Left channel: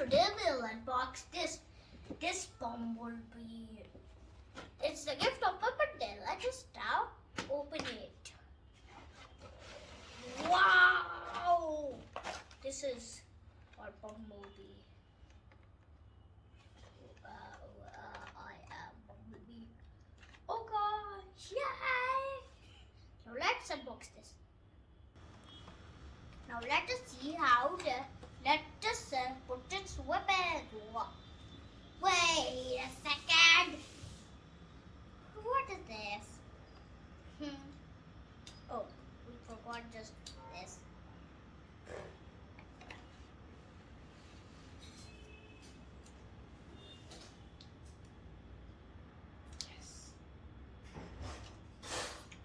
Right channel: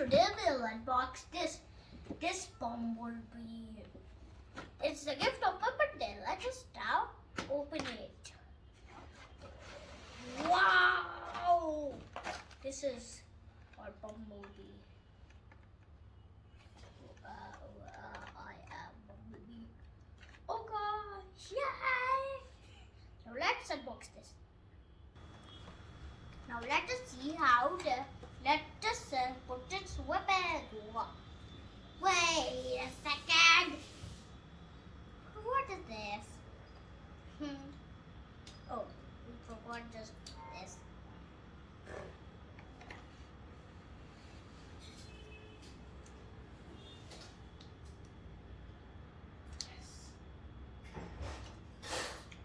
today we'll unbox this bumblebee. It's the gift of my birthday. Let us now open it. Wow! This is our bumblebee. I am bumblebee. Oh gosh! Yay! Now let's unbox this. Now let us see how let us put its weapon. Wait a second. What is this? Oh, we forgot just this.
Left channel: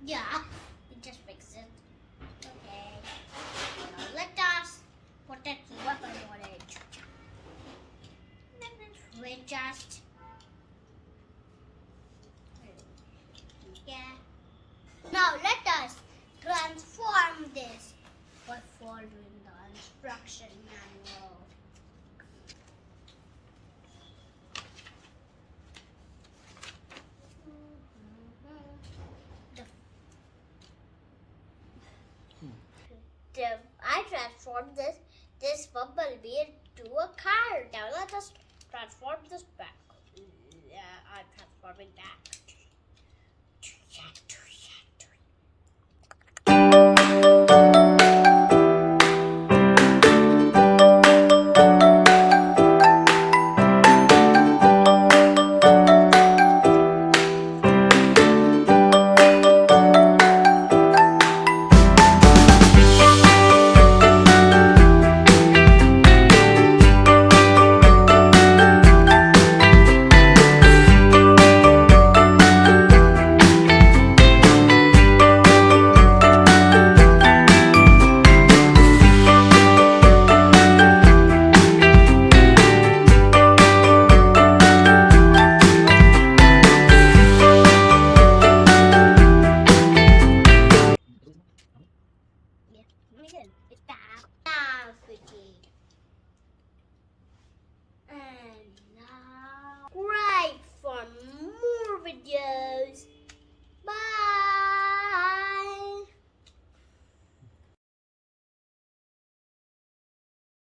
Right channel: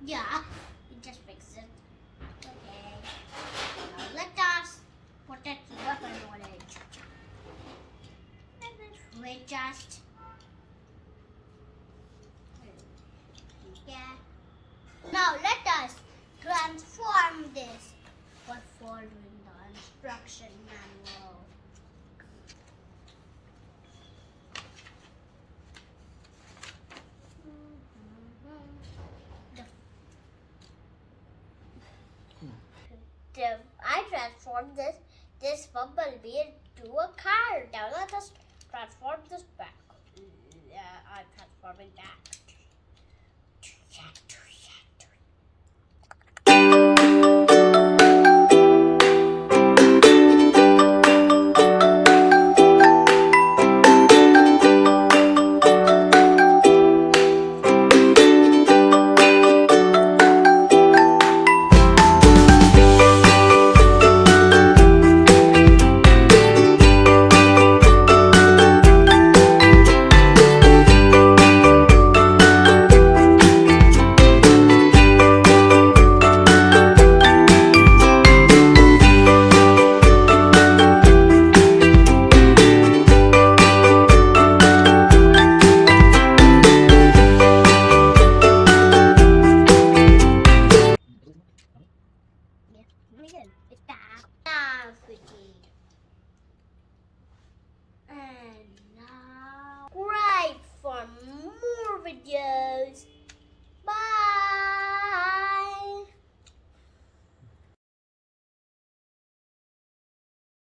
Yeah, we just fixed it. Okay. Now let us put that weapon on it. We just now let us transform this by following the instruction manual. I transformed this bumblebee into a car. Now let us transform this back. I'm transforming that.